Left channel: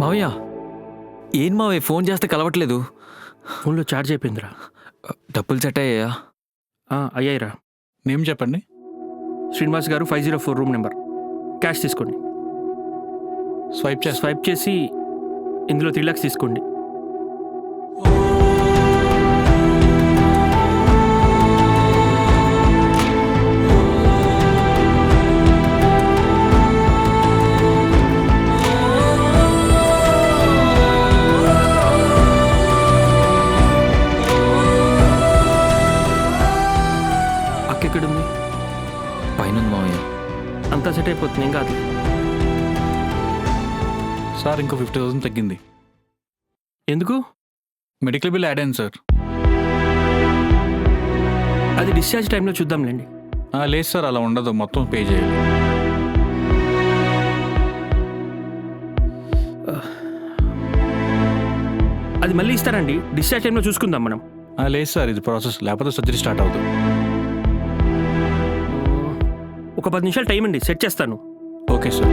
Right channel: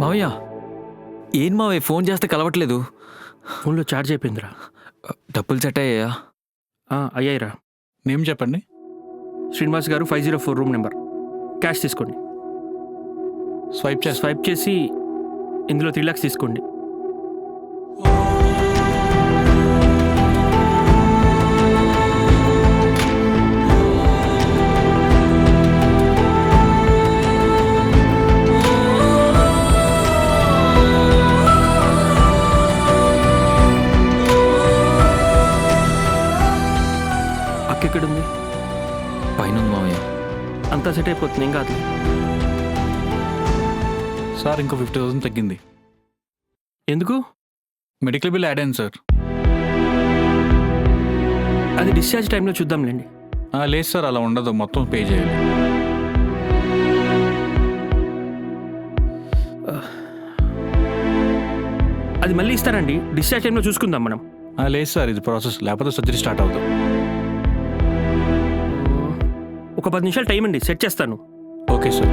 మావయ్య ఏం మావయ్య ఫోన్ చేస్తే కలవట్లేదు. ఫోన్లో ఛార్జ్ అయిపోయిందిరా. డబ్బులు సెట్ అయ్యాయా? అయ్యాయిరా. నేమ్ చెప్పండి. శ్రీనివాస్ గారు 504 రూమ్ నెంబర్. క్యాష్ తీసుకోండి. స్వైప్ చేసి ఇందులో 3 lakhs తీసుకోండి. ఎక్కడుంది? పైన ఉంది మావయ్య. అంతా సెట్ అయిపోతుంది, ఏం కాదు. సార్ ఇంకో 50,000 తగ్గింది. ఎందుకు? మెడికల్ బిల్ యాడ్ అయింది సార్. అది డిశ్చార్జ్ టైంలో చూద్దాంలేండి. లేదు సార్, అలా ఉండదు, మొత్తం పే చేయాలి. అది మళ్ళీ ఇస్తారండి, డిశ్చార్జ్ టైంలో చూసుకుందాం మనం. లేదు సార్, ఇది ప్రాసెస్, లేకపోతే సర్జరీ స్టార్ట్ అవుతుంది. ఒక 10 నిమిషాలు టైం అండి, సెట్ చేస్తాను. Okay sir.